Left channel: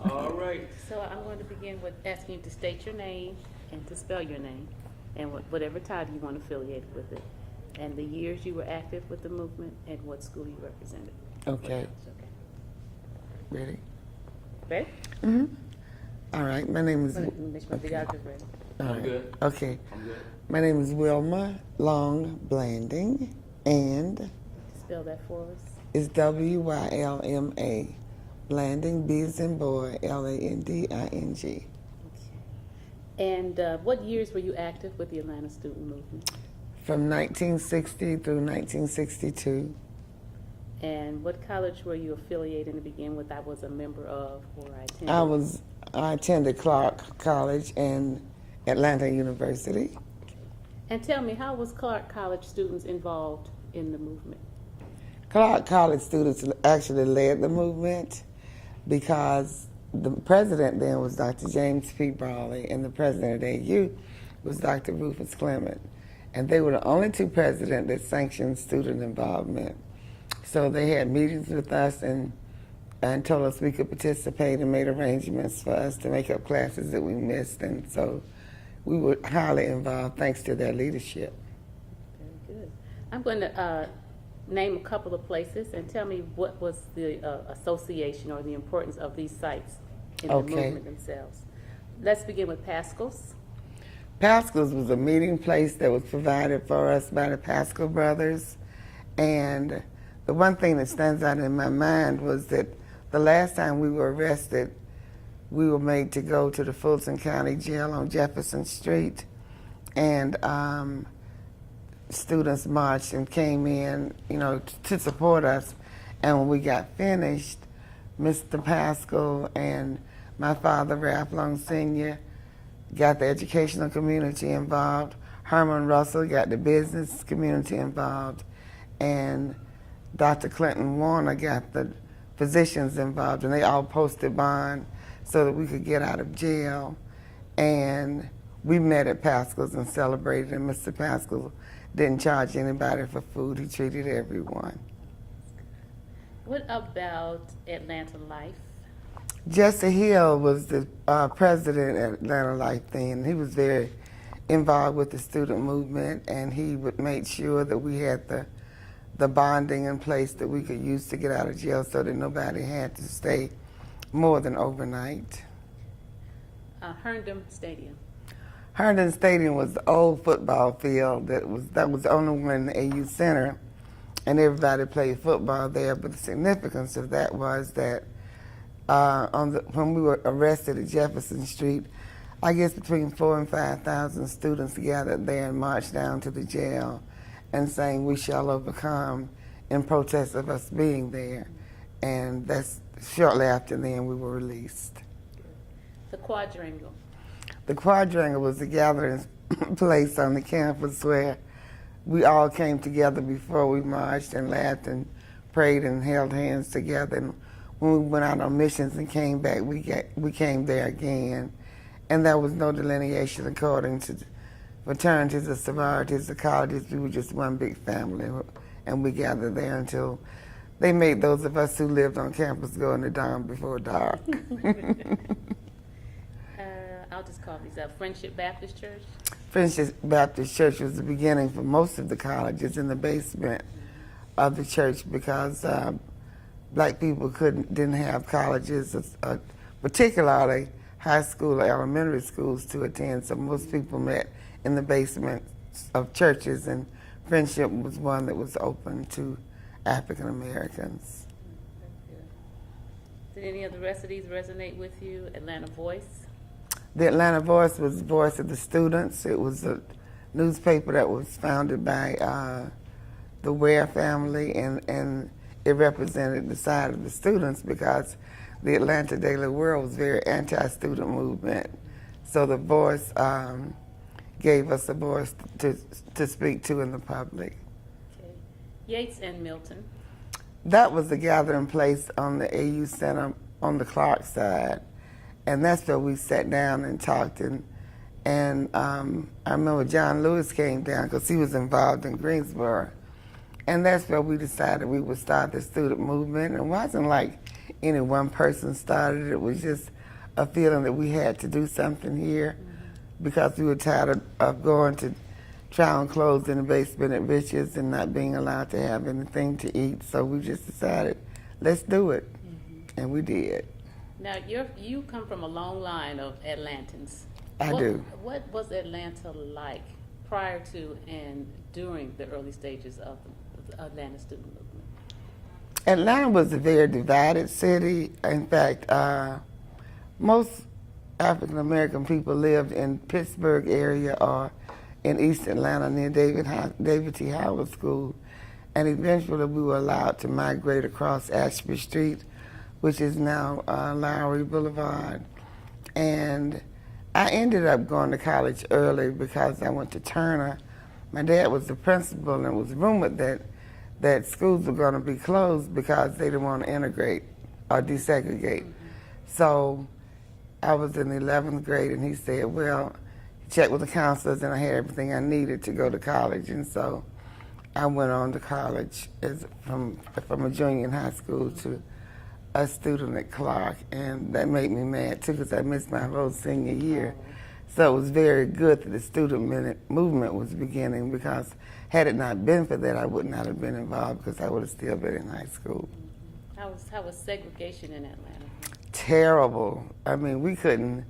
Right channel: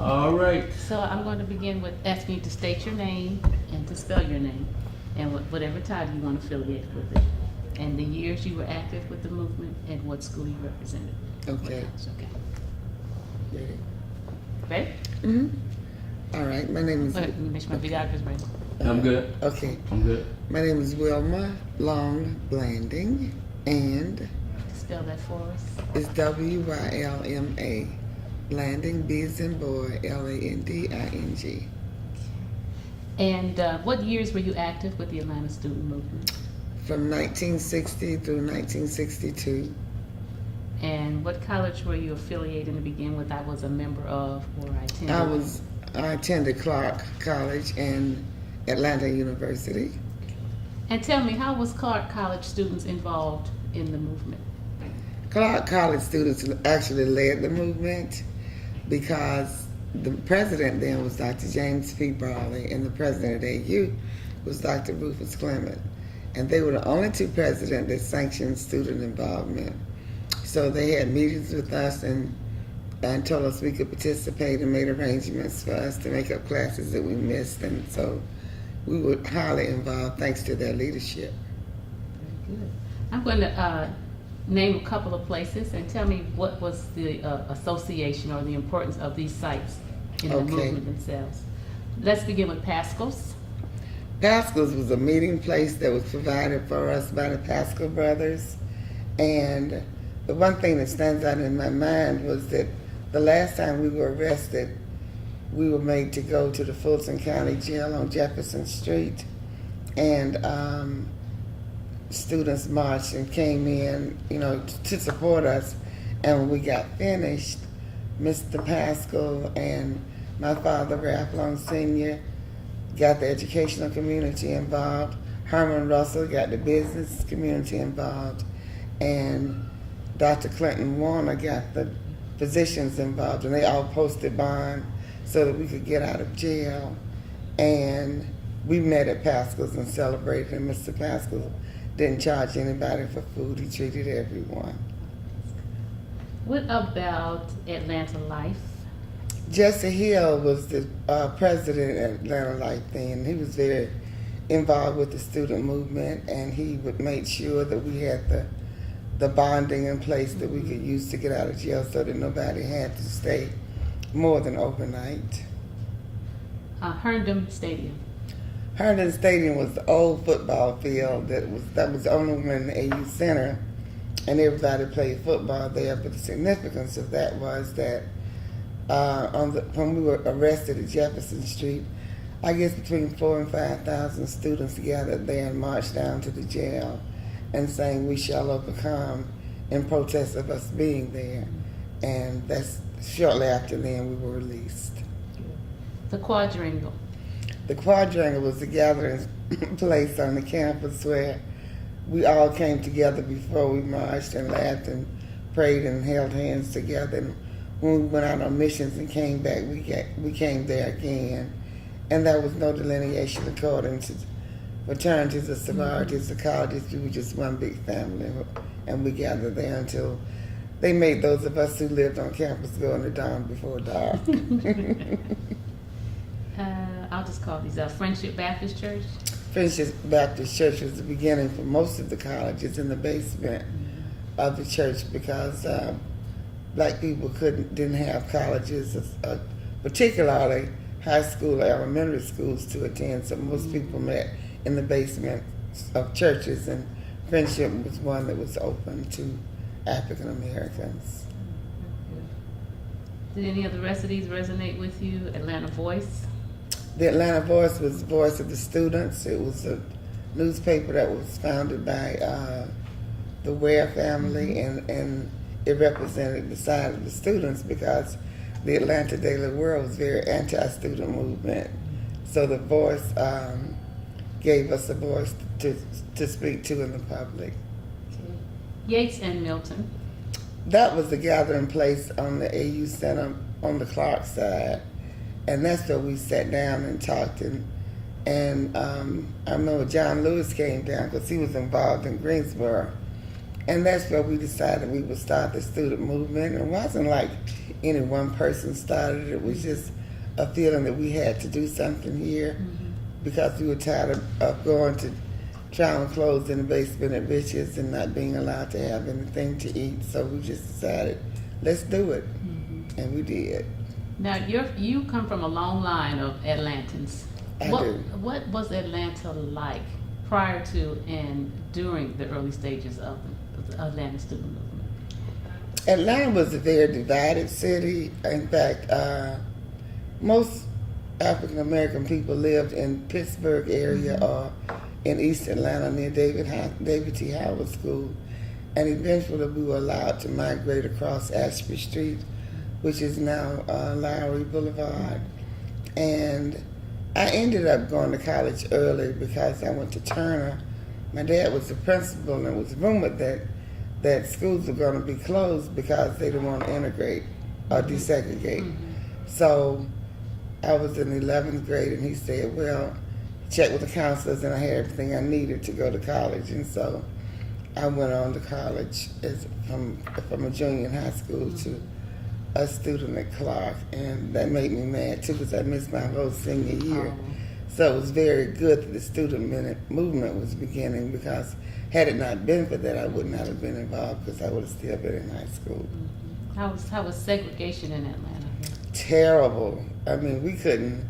All right. So I'm going to begin with asking you to state your name and to spell your name and whatever title you want to affiliate with it. And the years you were active with the movement and what school you represented. Okay, Okay. ready? Ready? All right, my name is, Wait, let me make sure my video is ready. I'm good. okay, I'm good. my name is Wilma Long Blanding, and Spell that for us. it's Wilma Blanding, B as in boy, Landing. And what years were you active with the Atlanta Student Movement? From 1960 through 1962. And what college were you affiliated to begin with? I was a member of, or I attended. I attended Clark College and Atlanta University. And tell me, how was Clark College students involved in the movement? Clark College students actually led the movement because the president then was Dr. James P. Brawley, and the president of the AU was Dr. Rufus Clement. And they were the only two presidents that sanctioned student involvement. So they had meetings with us and told us we could participate and made arrangements for us to make up classes that we missed. And so we were highly involved thanks to their leadership. Very good. I'm going to name a couple of places and tell me what was the association or the importance of these sites in the Okay. movement themselves. Let's begin with Pascal's. Pascal's was a meeting place that was provided for us by the Pascal brothers. And the one thing that stands out in my mind was that the last time we were arrested, we were made to go to the Fulton County Jail on Jefferson Street. And students marched and came in, to support us. And when we got finished, Mr. Pascal and my father, Ralph Long Sr., got the educational community involved. Herman Russell got the business community involved. And Dr. Clinton Warner got the physicians involved. And they all posted bond so that we could get out of jail. And we met at Pascal's and celebrated. And Mr. Pascal didn't charge anybody for food. He treated everyone. What about Atlanta Life? Jesse Hill was the president of Atlanta Life then. He was very involved with the student movement, and he would make sure that we had the bonding in place that we could use to get out of jail so that nobody had to stay more than overnight. Herndon Stadium. Herndon Stadium was the old football field that was on the one in the AU Center, and everybody played football there. But the significance of that was that when we were arrested at Jefferson Street, I guess between 4,000 and 5,000 students gathered there and marched down to the jail and sang "We Shall Overcome" in protest of us being there. And that's shortly after then we were released. The Quadrangle. The Quadrangle was the gathering place on the campus where we all came together before we marched and laughed and prayed and held hands together. And when we went out on missions and came back, we came there again. And there was no delineation according to fraternities or sororities or colleges. We were just one big family, and we gathered there until they made those of us who lived on campus go in the dawn before dark. I'll just call these Friendship Baptist Church. Friendship Baptist Church was the beginning for most of the colleges in the basement of the church because black people didn't have colleges, particularly high school or elementary schools to attend. So most people met in the basement of churches, and Friendship was one that was open to African Americans. Did any of the rest of these resonate with you? Atlanta Voice. The Atlanta Voice was the voice of the students. It was a newspaper that was founded by the Ware family, and it represented the side of the students because the Atlanta Daily World was very anti-student movement. So the Voice gave us a voice to speak to in the public. Okay. Yates and Milton. That was the gathering place on the AU Center on the Clark side. And that's where we sat down and talked. And I remember John Lewis came down because he was involved in Greensboro. And that's where we decided we would start the student movement. It wasn't like any one person started it. It was just a feeling that we had to do something here because we were tired of going to try on clothes in the basement at Richards and not being allowed to have anything to eat. So we just decided, let's do it. And we did. Now, you come from a long line of Atlantans. I do. What was Atlanta like prior to and during the early stages of the Atlanta student movement? Atlanta was a very divided city. In fact, most African American people lived in Pittsburgh area or in East Atlanta near David T. Howard School. And eventually we were allowed to migrate across Ashby Street, which is now Lowry Boulevard. And I ended up going to college early because I went to Turner. My dad was the principal, and it was rumored that schools were going to be closed because they didn't want to integrate or desegregate. So I was in the 11th grade, and he said, well, check with the counselors, and I had everything I needed to go to college. And so I went on to college from a junior in high school to a student at Clark, and that made me mad too because I missed my whole senior year. So it was very good that the student movement was beginning, because had it not been for that, I would not have been involved because I would have still been in high school. How was segregation in Atlanta? Terrible. I mean, we couldn't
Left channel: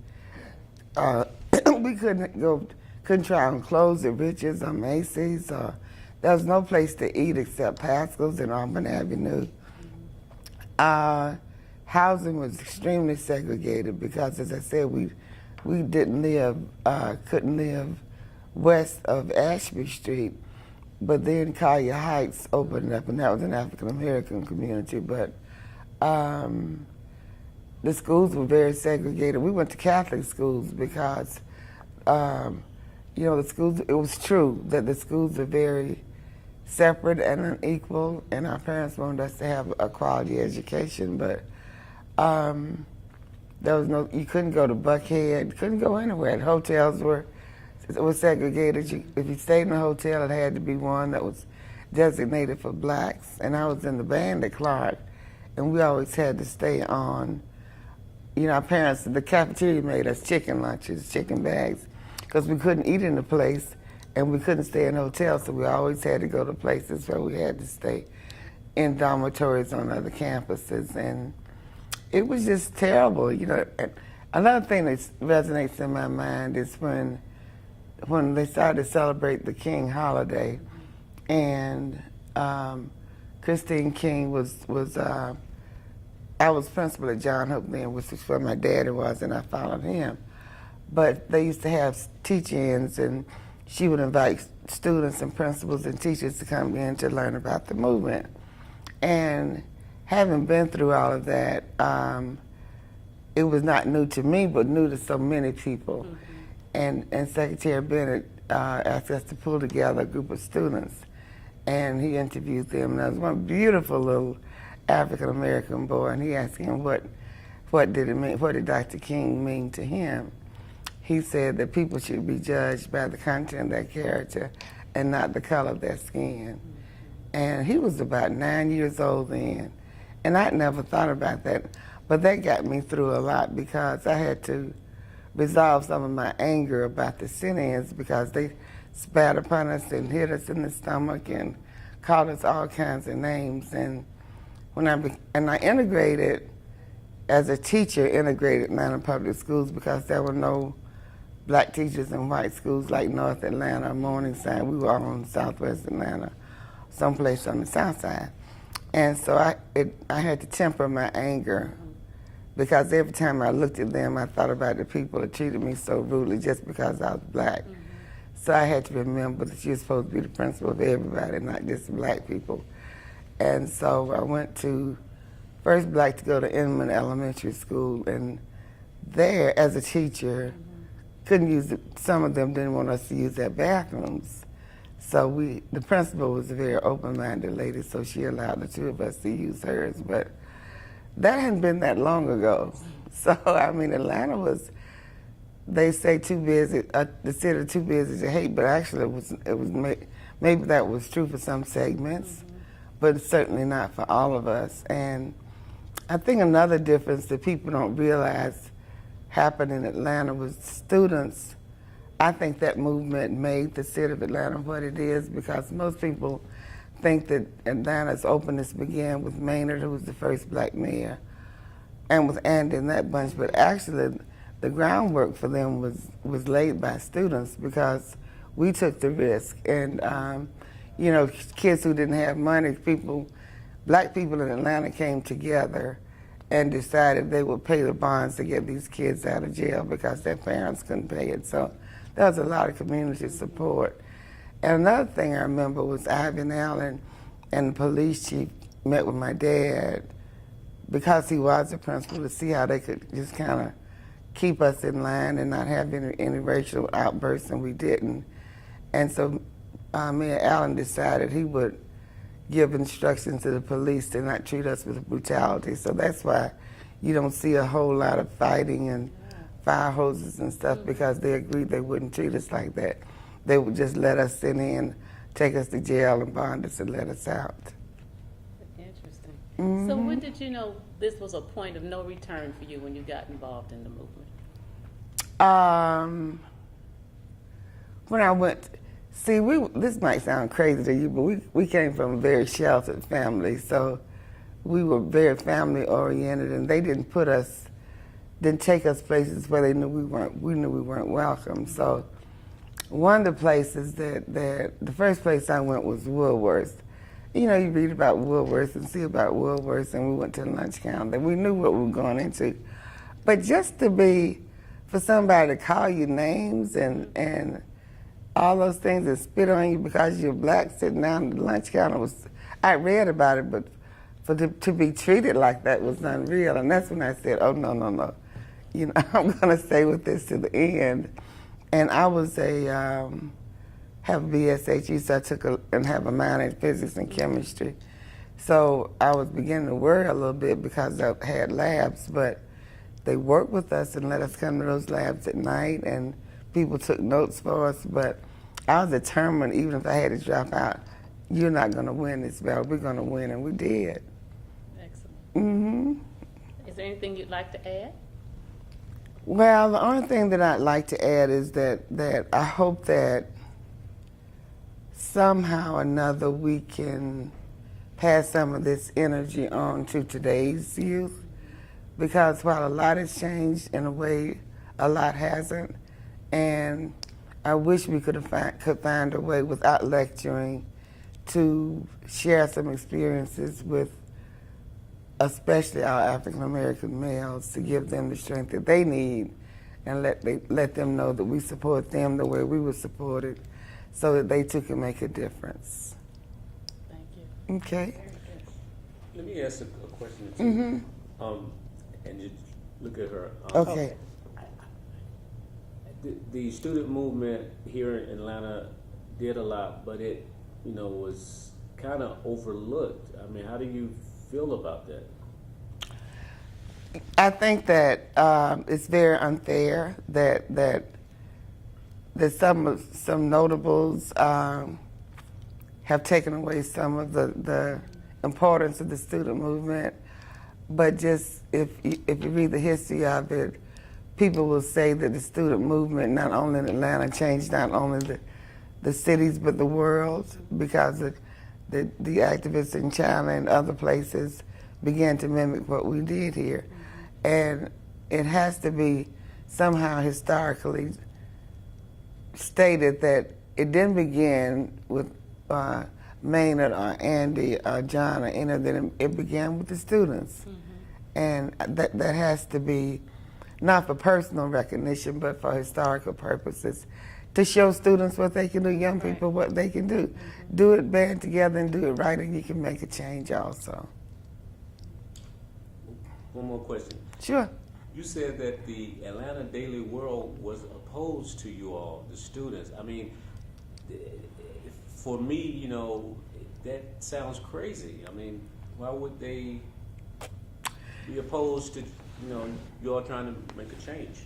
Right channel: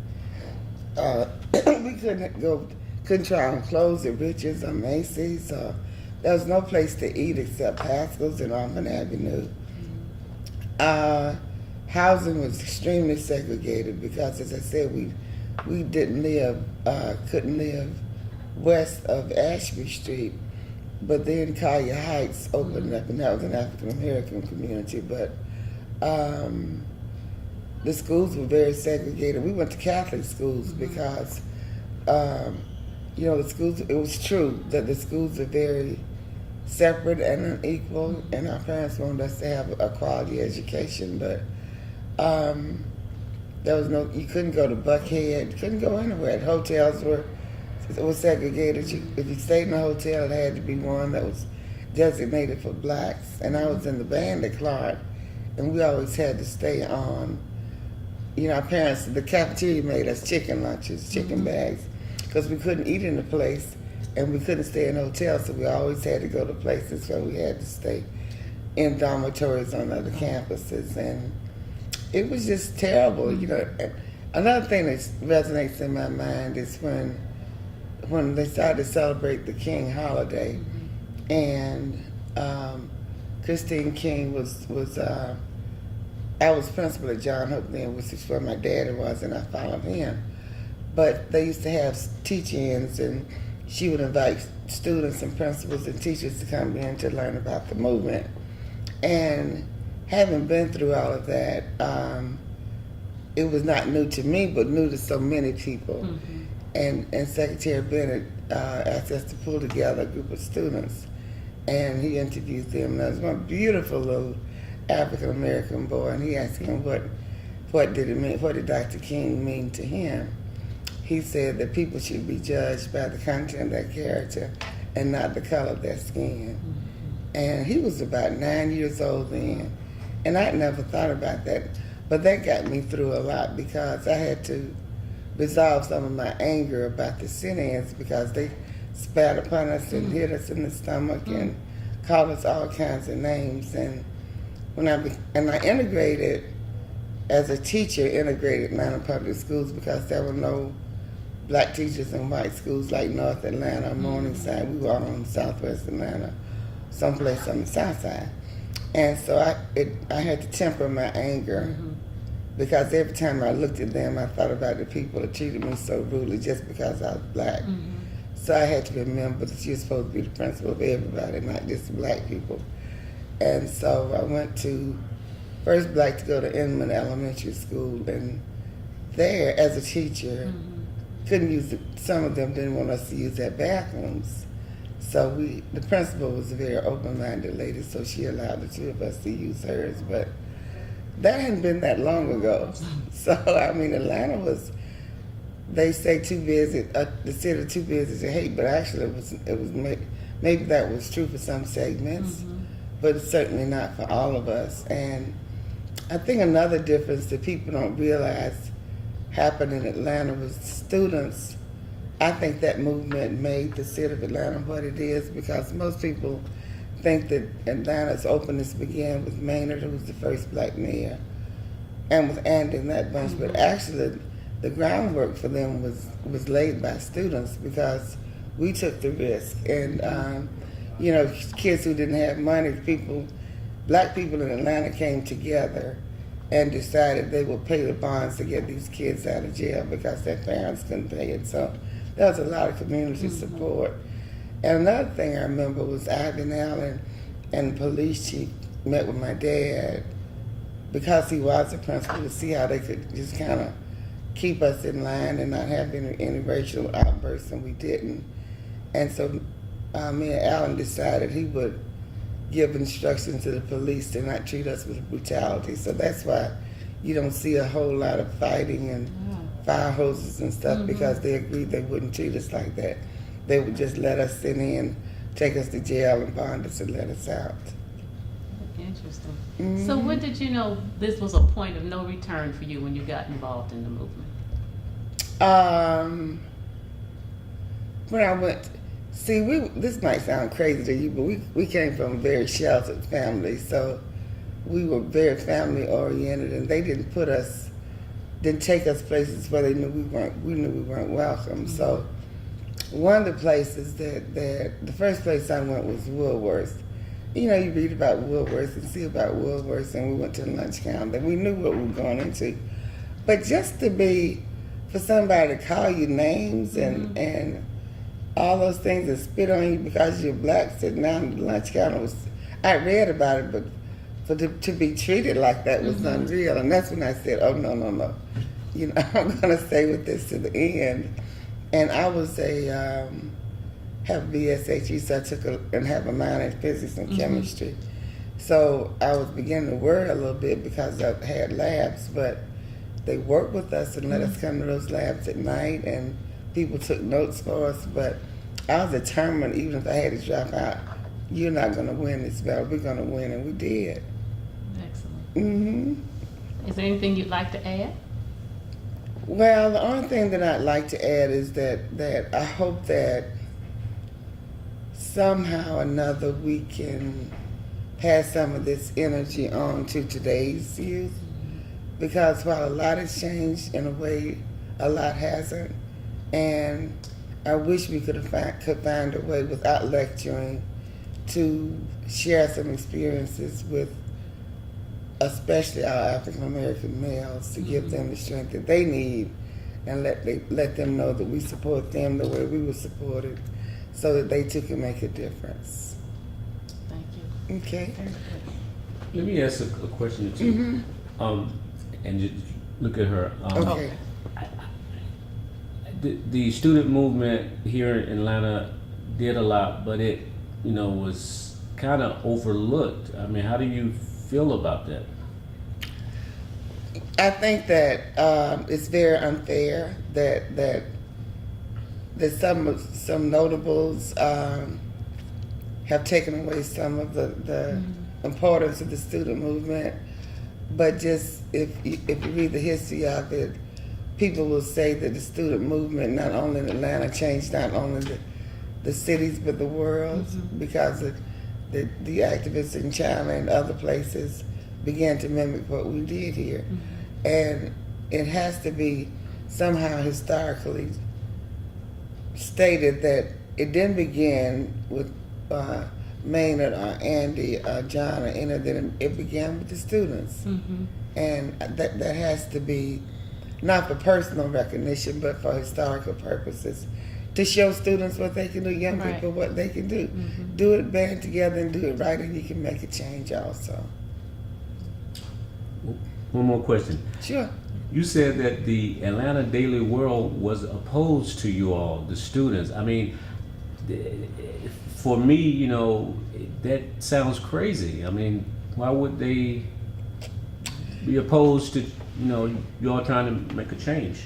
couldn't try on clothes at Richards or Macy's. There was no place to eat except Pascal's and Auburn Avenue. Housing was extremely segregated because, as I said, we couldn't live west of Ashby Street, but then Collier Heights opened up, and that was an African American community. But the schools were very segregated. We went to Catholic schools because, the schools. It was true that the schools are very separate and unequal, and our parents wanted us to have a quality education, but you couldn't go to Buckhead, you couldn't go anywhere. The hotels were segregated. If you stayed in a hotel, it had to be one that was designated for blacks, and I was in the band at Clark, and we always had to stay on. Our parents, the cafeteria made us chicken lunches, chicken bags, because we couldn't eat in the place, and we couldn't stay in hotels, so we always had to go to places where we had to stay in dormitories on other campuses, and it was just terrible. Another thing that resonates in my mind is when they started to celebrate the King holiday, and Christine King I was principal at John Hope then, which is where my daddy was, and I followed him. But they used to have teach-ins, and she would invite students and principals and teachers to come in to learn about the movement. And having been through all of that, it was not new to me, but new to so many people. And Secretary Bennett asked us to pull together a group of students, and he interviewed them. And there was one beautiful little African American boy, and he asked him what did it mean, what did Dr. King mean to him. He said that people should be judged by the content of their character and not the color of their skin. And he was about 9 years old then, and I never thought about that, but that got me through a lot because I had to resolve some of my anger about the sit-ins because they spat upon us and hit us in the stomach and called us all kinds of names. And when I integrated as a teacher, integrated Atlanta Public Schools because there were no black teachers in white schools like North Atlanta, Morningside. We were all in Southwest Atlanta, someplace on the South Side. And so I had to temper my anger because every time I looked at them, I thought about the people that treated me so rudely just because I was black. So I had to remember that you're supposed to be the principal of everybody, not just black people. And so I went to first black to go to Inman Elementary School, and there, as a teacher, some of them didn't want us to use their bathrooms. So the principal was a very open-minded lady, so she allowed the two of us to use hers. But that hadn't been that long ago. So, Atlanta was, they say too busy, the city too busy to hate, but actually maybe that was true for some segments, but it's certainly not for all of us. And I think another difference that people don't realize happened in Atlanta was students. I think that movement made the city of Atlanta what it is because most people think that Atlanta's openness began with Maynard, who was the first black mayor, and with Andy and that bunch. But actually, the groundwork for them was laid by students because we took the risk. And, you know, kids who didn't have money, black people in Atlanta came together and decided they would pay the bonds to get these kids out of jail because their parents couldn't pay it. So there was a lot of community support. And another thing I remember was Ivan Allen and the police chief met with my dad because he was the principal to see how they could just kind of keep us in line and not have any racial outbursts, and we didn't. And so me and Allen decided he would give instructions to the police to not treat us with brutality. So that's why you don't see a whole lot of fighting and fire hoses and stuff because they agreed they wouldn't treat us like that. They would just let us sit in, take us to jail and bond us and let us out. Interesting. So when did you know this was a point of no return for you when you got involved in the movement? When I went, see, this might sound crazy to you, but we came from a very sheltered family, so we were very family oriented, and they didn't take us places where they knew we weren't welcome. So one of the places the first place I went was Woolworth. You know, you read about Woolworth and see about Woolworth, and we went to the lunch counter. We knew what we were going into. But just for somebody to call you names and all those things and spit on you because you're black sitting down at the lunch counter I read about it, but to be treated like that was unreal. And that's when I said, oh, no. You know, I'm going to stay with this to the end. And I was have a BSHE, so I took and have a minor in physics and chemistry. So I was beginning to worry a little bit because I had labs, but they worked with us and let us come to those labs at night, and people took notes for us. But I was determined, even if I had to drop out, you're not going to win this battle. We're going to win, and we did. Excellent. Is there anything you'd like to add? Well, the only thing that I'd like to add is that I hope that somehow or another we can pass some of this energy on to today's youth, because while a lot has changed, in a way, a lot hasn't. And I wish we could find a way without lecturing to share some experiences with especially our African American males, to give them the strength that they need and let them know that we support them the way we were supported, so that they too can make a difference. Thank you. Okay. Let me ask a question or two. And just look at her. Okay. The student movement here in Atlanta did a lot, but it, was kind of overlooked. I mean, how do you feel about that? I think that it's very unfair that some notables have taken away some of the importance of the student movement. But just if you read the history of it, people will say that the student movement, not only in Atlanta, changed not only the cities but the world, because the activists in China and other places began to mimic what we did here. And it has to be somehow historically stated that it didn't begin with Maynard or Andy or John or any of them. It began with the students. And that has to be not for personal recognition, but for historical purposes, to show students what they can do, young people what they can do. Do it, band together, and do it right, and you can make a change also. One more question. Sure. You said that the Atlanta Daily World was opposed to you all, the students. I mean, for me, that sounds crazy. I mean, why would they be opposed to, you all trying to make a change?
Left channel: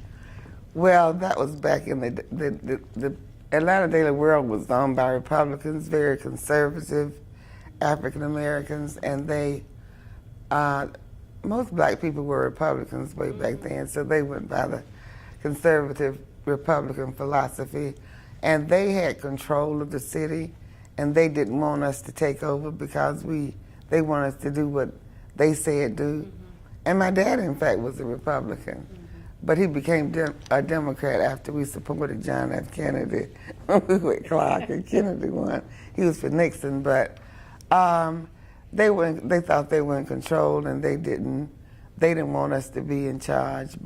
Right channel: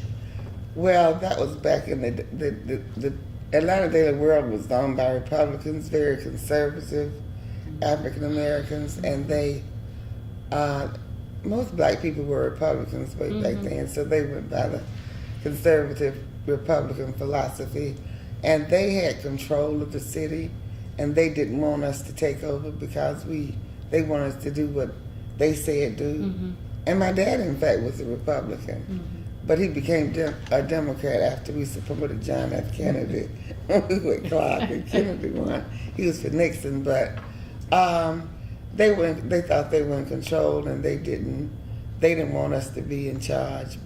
Well, that was back in the Atlanta Daily World was owned by Republicans, very conservative African Americans, and they most black people were Republicans way back then, so they went by the conservative Republican philosophy, and they had control of the city, and they didn't want us to take over because they wanted us to do what they said do. And my dad, in fact, was a Republican, but he became a Democrat after we supported John F. Kennedy with Clark and Kennedy won. He was for Nixon, but they thought they were in control, and they didn't want us to be in charge,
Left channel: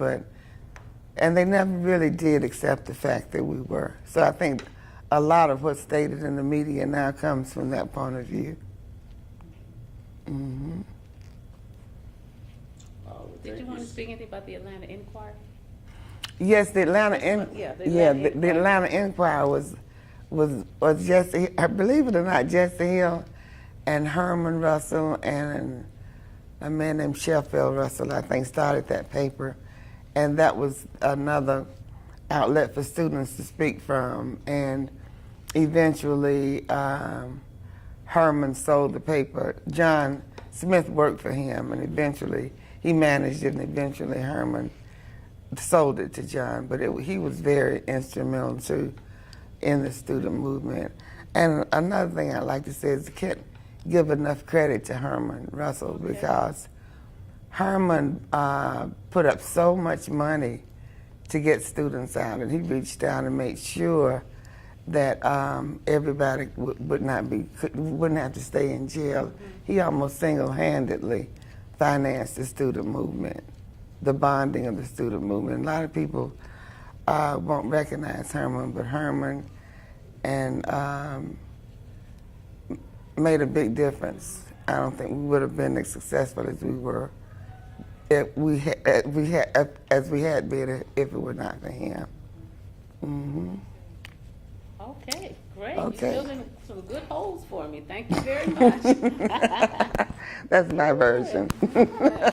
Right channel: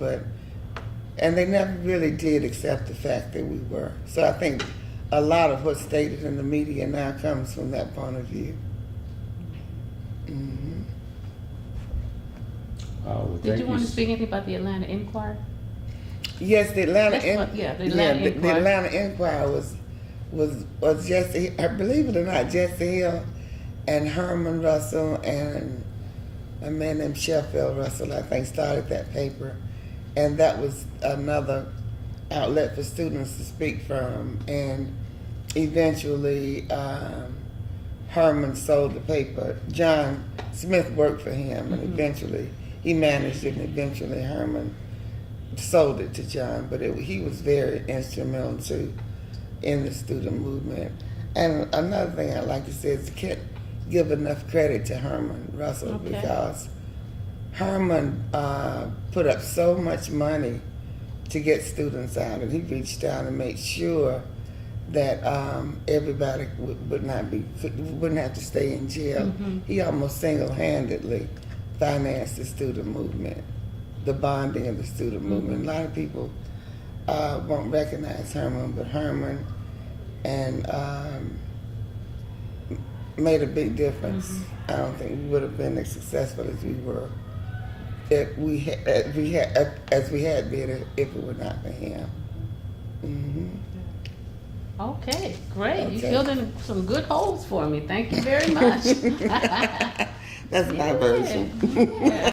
and they never really did accept the fact that we were. So I think a lot of what's stated in the media now comes from that point of view. Well, Did thank you want to speak anything about the Atlanta Inquirer? Yes, the Atlanta the Atlanta Inquirer was Jesse. I believe it or not, Jesse Hill and Herman Russell and a man named Sheffield Russell, I think, started that paper, and that was another outlet for students to speak from. And eventually, Herman sold the paper. John Smith worked for him, and eventually he managed it, and eventually Herman sold it to John. But he was very instrumental too in the student movement. And another thing I'd like to say is can't give enough credit to Herman Russell, because Herman put up so much money to get students out, and he reached out and made sure that everybody wouldn't have to stay in jail. He almost single-handedly financed the student movement, the bonding of the student movement. A lot of people won't recognize Herman, but Herman made a big difference. I don't think we would have been as successful as we were if we had been if it were not for him. Okay, great. Okay. You filled in some good holes for me. Thank you very much. That's my version. Yeah.